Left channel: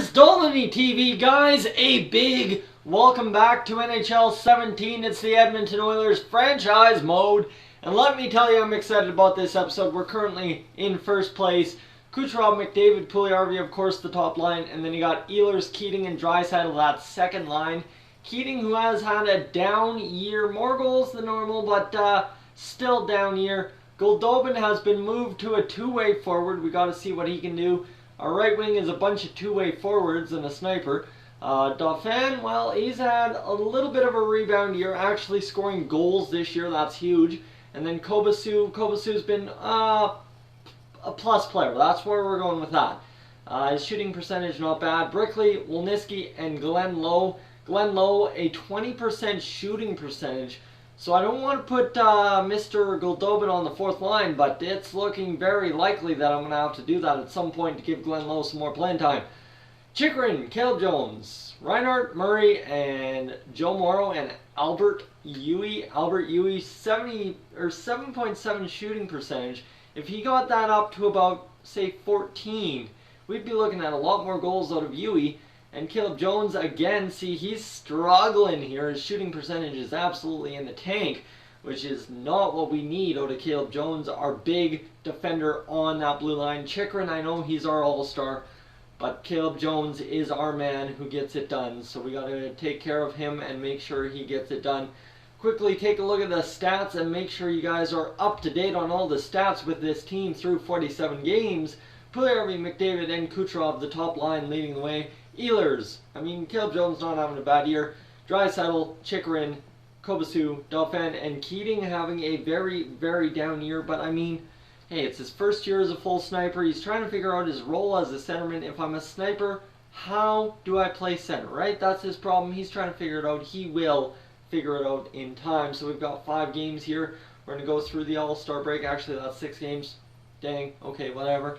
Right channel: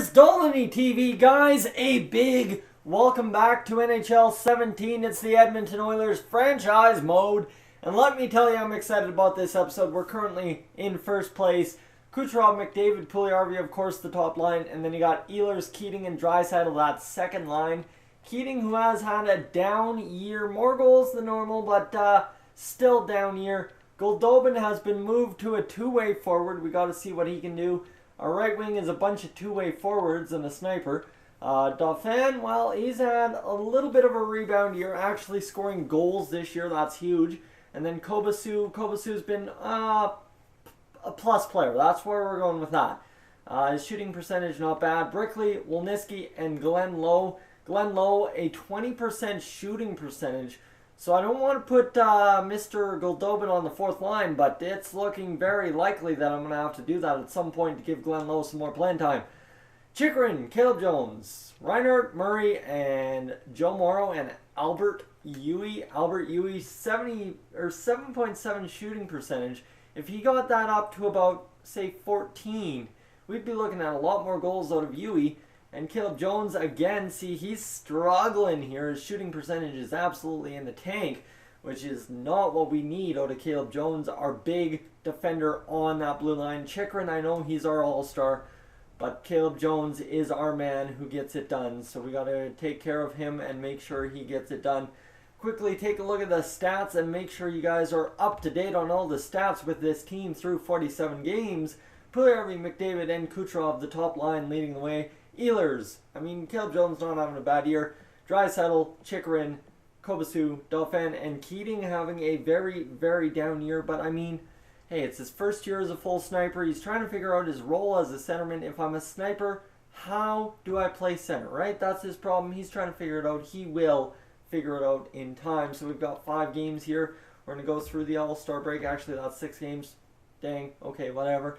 is Dolynny TV, guys. A big welcome back to NHL 17. It's the Edmonton Oilers franchise mode. And let me tell you, I'm excited about this episode. We're currently in first place. Kucherov, McDavid, Puljujarvi, of course, the top line. And then you got Ehlers, Keating, and Draisaitl, that second line. Keating, who has had a down year. More goals than normal, but still down year. Goldobin has been moved to a two-way forward. We got to see what he can do. Our right wing is a bunch of two-way forwards and a sniper. Dauphin, well, he's had a little bit of a rebound year, actually scoring goals this year. That's huge. And then Kobasu's been a plus player. That's where we're going with that. His shooting percentage, not bad. Brickley, Wolniski, and Glenn Lowe. Glenn Lowe, a 20% shooting percentage. So I don't want to put Mr. Goldobin on the fourth line, but it's looking very likely that I'm going to have to do that at some point to give Glenn Lowe some more playing time. Chychrun, Caleb Jones, Reinhart, Murray, and Joe Morrow, and Albert Yui. Albert Yui, 7.7 shooting percentage. If he got that up to about, say, 14, we'd be looking at a lot more goals out of Yui. And Caleb Jones, again, see, he's struggling here. His shooting percentage is absolutely in the tank, which is not what we need out of Caleb Jones, our big defender on that blue line. Chychrun, I know he's our all-star, but Caleb Jones is our man who gets it done. So we got to take care of him and make sure he gets it done. Quickly take a look at the stats and make sure you guys are up to date on all the stats with this team through 47 games. Puljujarvi, McDavid, and Kucherov, the top line, leading the way. Ehlers, Caleb Jones not having a bad year. Draisaitl, Chychrun, Kobasu, Dauphin, and Keating having a very, very down year. But hey, it's his first year as a full sniper. He's trying to figure out his role as a centerman. If I'm a sniper, how do I play center, right? That's his problem. He's trying to figure it out. He will figure it out in time. So we've got 5 games here. We're going to go through the All-Star break. Actually, that's 6 games. Dang, okay, whatever.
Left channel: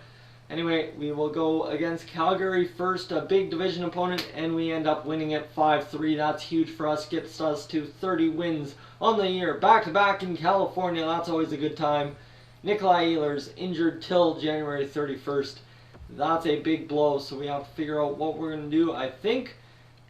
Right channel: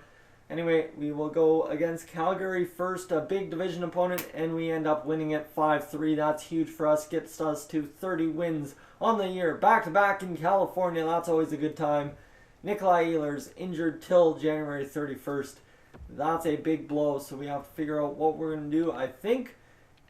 Anyway, we will go against Calgary first, a big division opponent, and we end up winning it 5-3. That's huge for us. Gets us to 30 wins on the year. Back-to-back in California. That's always a good time. Nikolai Ehlers injured till January 31st. That's a big blow, so we have to figure out what we're going to do. I think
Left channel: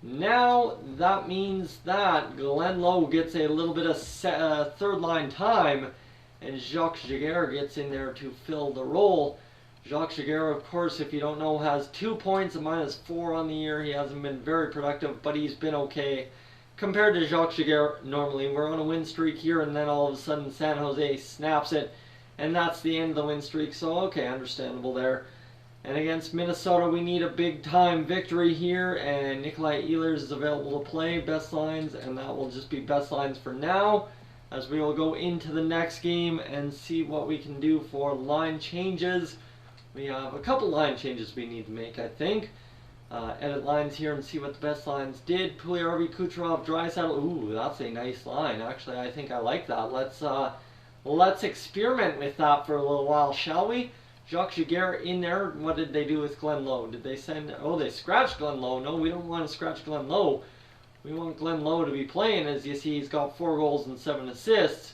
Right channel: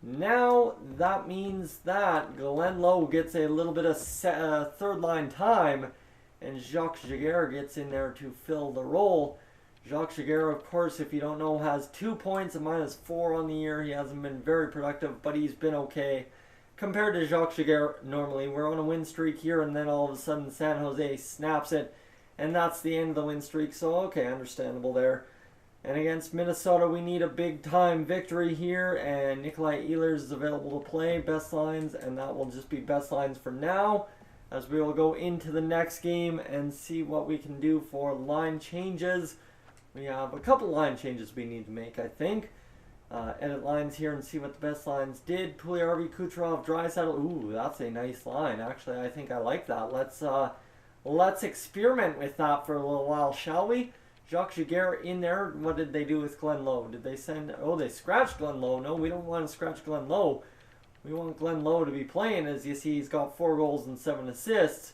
now that means that Glenn Lowe gets a little bit of third-line time, and Jacques Giguère gets in there to fill the role. Jacques Giguère, of course, if you don't know, has 2 points, a -4 on the year. He hasn't been very productive, but he's been okay. Compared to Jacques Giguère, normally, we're on a win streak here, and then all of a sudden San Jose snaps it, and that's the end of the win streak, so okay, understandable there. And against Minnesota, we need a big-time victory here, and Nikolai Ehlers is available to play, best lines, and that will just be best lines for now, as we will go into the next game and see what we can do for line changes. We have a couple line changes we need to make, I think. Edit lines here and see what the best lines did. Puljujarvi, Kucherov, Draisaitl. Ooh, that's a nice line. Actually, I think I like that. Let's experiment with that for a little while, shall we? Jacques Giguère in there. What did they do with Glenn Lowe? Did they send... Oh, they scratched Glenn Lowe. No, we don't want to scratch Glenn Lowe. We want Glenn Lowe to be playing. As you see, he's got 4 goals and 7 assists.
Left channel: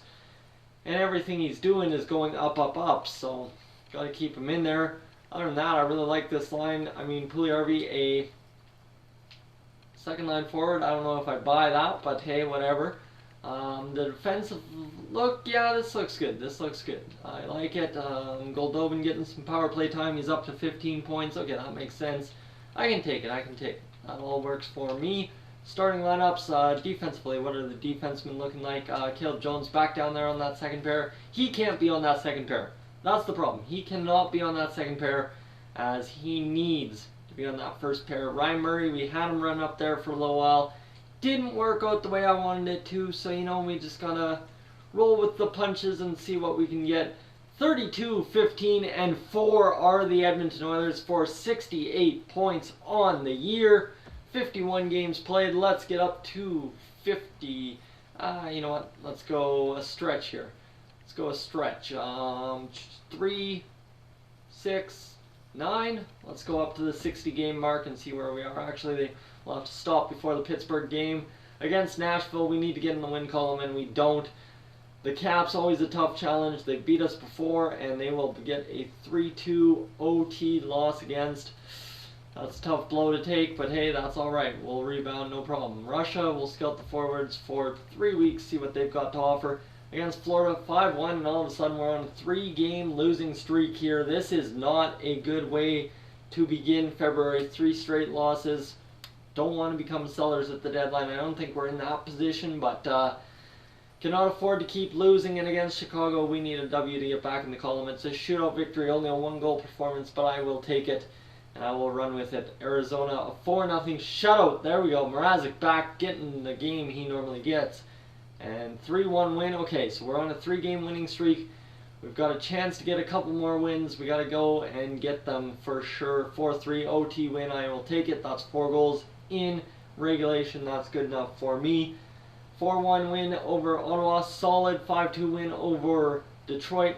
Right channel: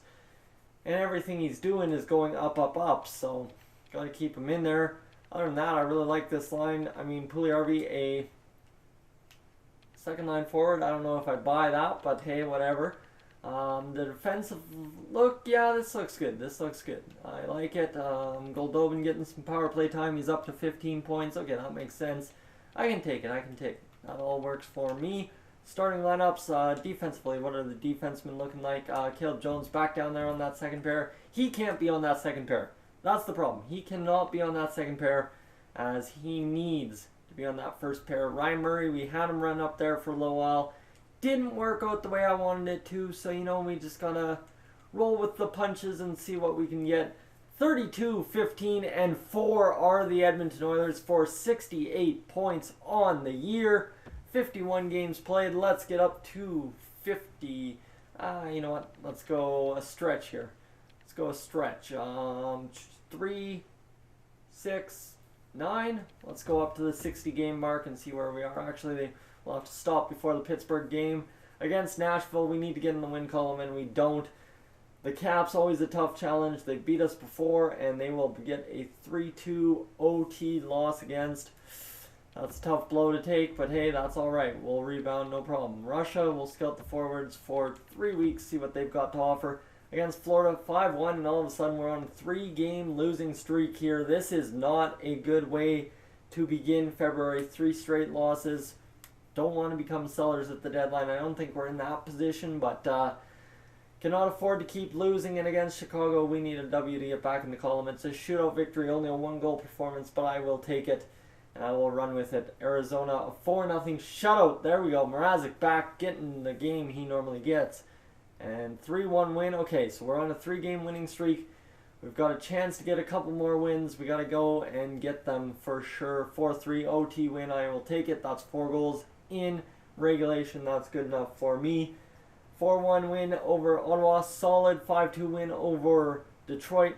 And everything he's doing is going up, up, up. So... got to keep him in there. Other than that, I really like this line. Puljujarvi, a second line forward. I don't know if I'd buy that, but hey, whatever. The defensive look, yeah, this looks good. This looks good. I like it. Goldobin getting some power play time. He's up to 15 points. Okay, that makes sense. I can take it. I can take it. That all works for me. Starting lineups, defensively, what are the defensemen looking like? Caleb Jones back down there on that second pair. He can't be on that second pair. That's the problem. He cannot be on that second pair, as he needs to be on that first pair. Ryan Murray, we had him run up there for a little while. Didn't work out the way I wanted it to, so we just gotta roll with the punches and see what we can get. 32, 15, and 4 are the Edmonton Oilers for 68 points on the year. 51 games played. Let's get up to 50. You know what? Let's go a stretch here. Let's go a stretch. 3, 6, 9. Let's go up to the 60 game mark and see where we are. Actually, we'll have to stop before the Pittsburgh game. Against Nashville, we need to get in the win column, and we don't. The Caps, always a tough challenge. They beat us before, and they will get a 3-2 OT loss against That's a tough blow to take, but hey, that's all right. We'll rebound, no problem. Russia will scout the forwards for 3 weeks, see what they've got to offer. Against Florida, 5-1, and all of a sudden we're on a 3-game losing streak here. This is not a good way to begin February. 3 straight losses. Don't want to become sellers at the deadline. I don't think we're in that position, but cannot afford to keep losing. And against Chicago, we need a W to get back in the column. It's a shootout victory, only a 1-goal performance, but I will take it. And I will run with it. Arizona, a 4-0 shutout. There we go. Mrazek back getting the game he normally gets. And 3-1 win. Okay, so we're on a 3-game winning streak. We've got a chance to get a couple more wins. We got to go and get them for sure. 4-3 OT win. I will take it. That's 4 goals in regulation. That's good enough for me. 4-1 win over Ottawa. Solid 5-2 win over Detroit.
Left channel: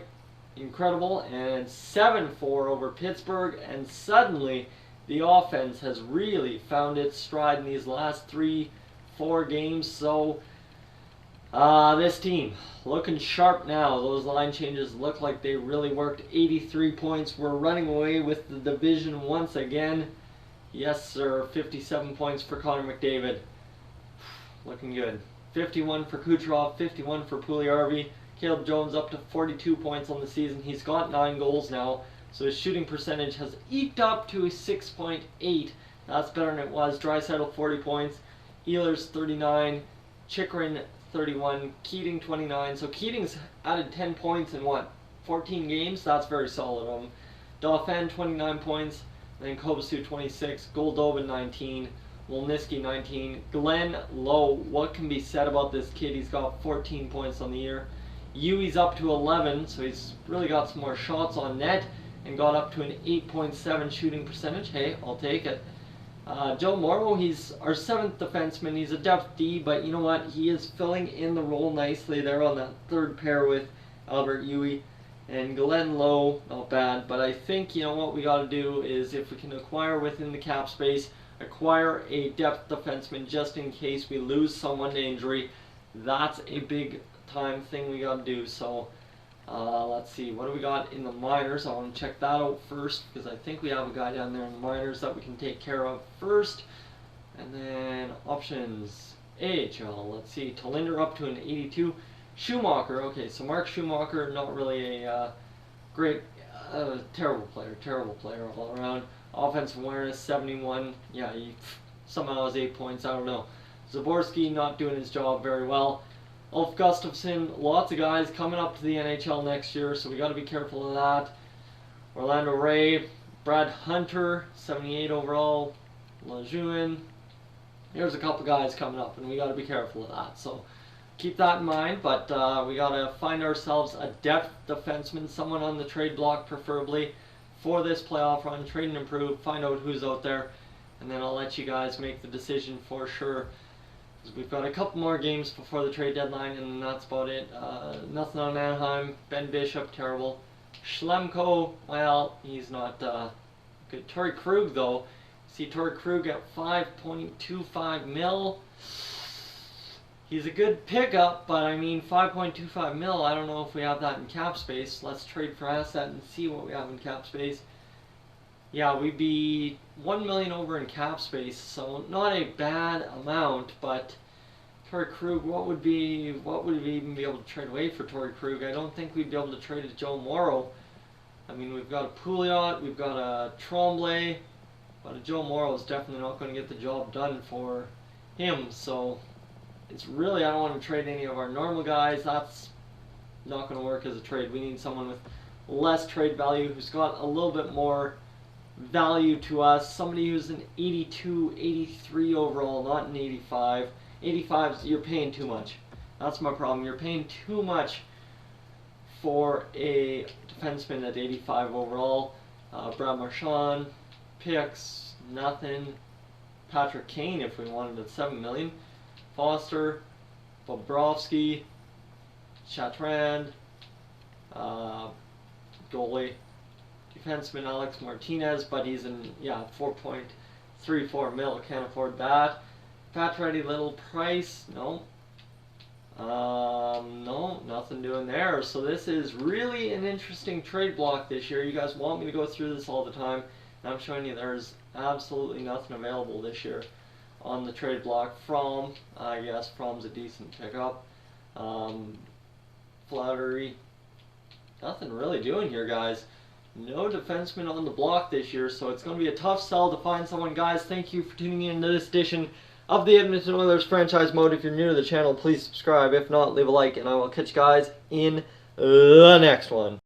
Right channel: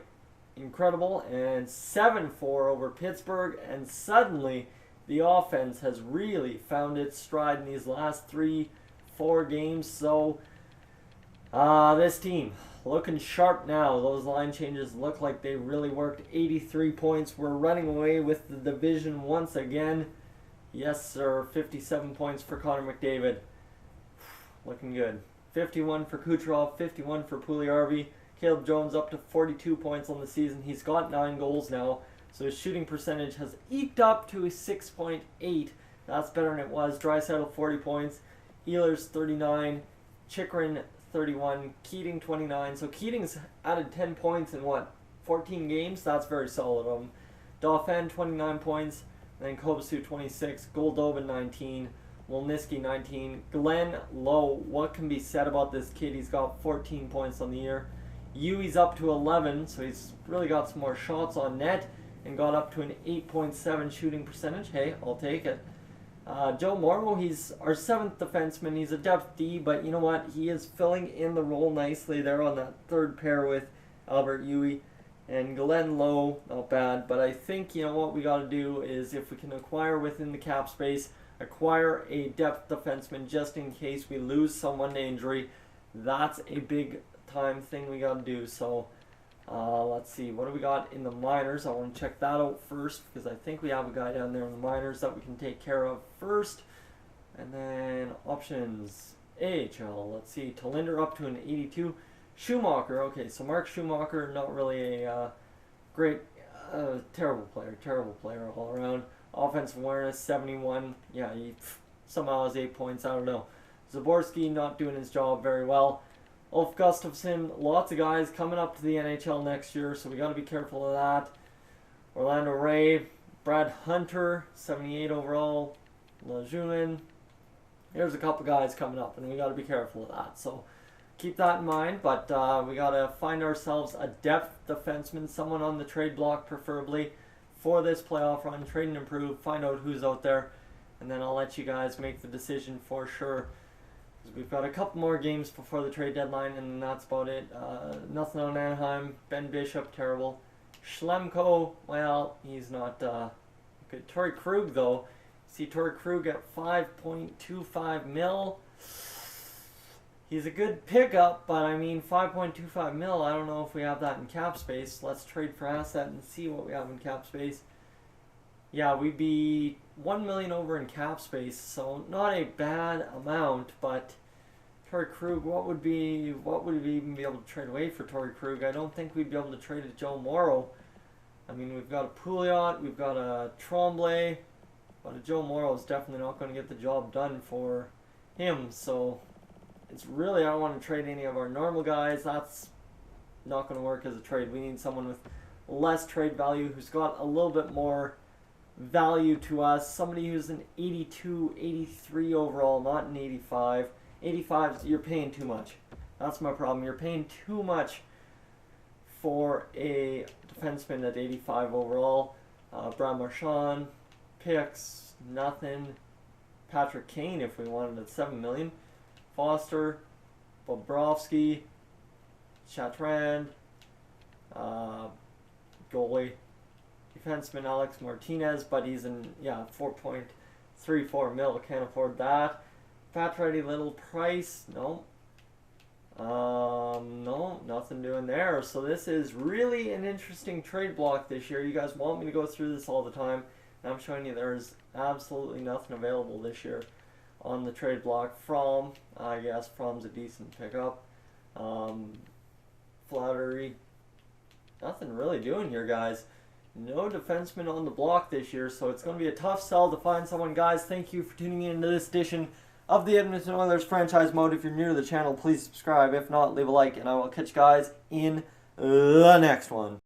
Incredible. And 7-4 over Pittsburgh. And suddenly the offense has really found its stride in these last 3-4 games. So this team looking sharp now. Those line changes look like they really worked. 83 points. We're running away with the division once again. Yes, sir. 57 points for Connor McDavid. Looking good. 51 for Kucherov. 51 for Puljujarvi. Caleb Jones up to 42 points on the season. He's got 9 goals now. So his shooting percentage has eked up to 6.8. That's better than it was. Draisaitl 40 points. Ehlers 39. Chychrun 31. Keating 29. So Keating's added 10 points in what? 14 games? That's very solid. Dauphin 29 points. Then Kovacic 26. Goldobin 19. Wolniski 19. Glenn Lowe. What can be said about this kid? He's got 14 points on the year. Yui's up to 11, so he's really got some more shots on net and got up to an 8.7 shooting percentage. Hey, I'll take it. Joe Morrow, he's our 7th defenseman. He's a depth D, but you know what? He is filling in the role nicely there on that 3rd pair with Albert Yui. And Glenn Lowe, not bad, but I think, you know, what we got to do is, if we can acquire within the cap space, acquire a depth defenseman just in case we lose someone to injury. That's a big time thing we got to do. So let's see, what do we got in the minors? I want to check that out first, because I think we have a guy down there in the minors that we can take care of first. And then options, AHL, let's see, Talinder up to an 82. Schumacher, okay, so Mark Schumacher, not really a great, terrible player all around. Offensive awareness, 71. Yeah, he somehow has 8 points, I don't know. Zaborski not doing his job very well. Ulf Gustafsson, lots of guys coming up to the NHL next year, so we got to be careful of that. Orlando Ray, Brad Hunter, 78 overall. Lejeune. There's a couple guys coming up, and we got to be careful of that. So keep that in mind, but we got to find ourselves a depth defenseman, someone on the trade block preferably, for this playoff run. Trade and improve, find out who's out there, and then I'll let you guys make the decision for sure. We've got a couple more games before the trade deadline, and that's about it. Nothing on Anaheim. Ben Bishop, terrible. Schlemko, well, he's not good. Torrey Krug, though. See Torrey Krug at 5.25 mil. He's a good pickup, but I mean 5.25 mil, I don't know if we have that in cap space. Let's trade for asset and see what we have in cap space. Yeah, we'd be 1 million over in cap space, so not a bad amount, but Torrey Krug, what would we even be able to trade away for Torrey Krug? I don't think we'd be able to trade a Joe Morrow. I mean, we've got a Pouliot, we've got a Tremblay, but a Joe Morrow is definitely not going to get the job done for him, so it's really, I don't want to trade any of our normal guys. That's not going to work as a trade. We need someone with less trade value who's got a little bit more value to us. Somebody who's an 82, 83 overall, not an 85. 85, you're paying too much. That's my problem. You're paying too much for a defenseman at 85 overall. Brad Marchand, picks, nothing. Patrick Kane, if we wanted at 7 million. Foster, Bobrovsky, Chatrand, goalie, defenseman Alex Martinez, but he's in 4.34 mil. Can't afford that. Pacioretty, little price, no. No, nothing doing there. So this is really an interesting trade block this year. You guys want me to go through this all the time. I'm showing you there's absolutely nothing available this year on the trade block from, I guess, from's a decent pickup. Flattery, nothing really doing here, guys. No defenseman on the block this year, so it's going to be a tough sell to find someone. Guys, thank you for tuning in to this edition of the Edmonton Oilers Franchise Mode. If you're new to the channel, please subscribe. If not, leave a like, and I will catch you guys in the next one.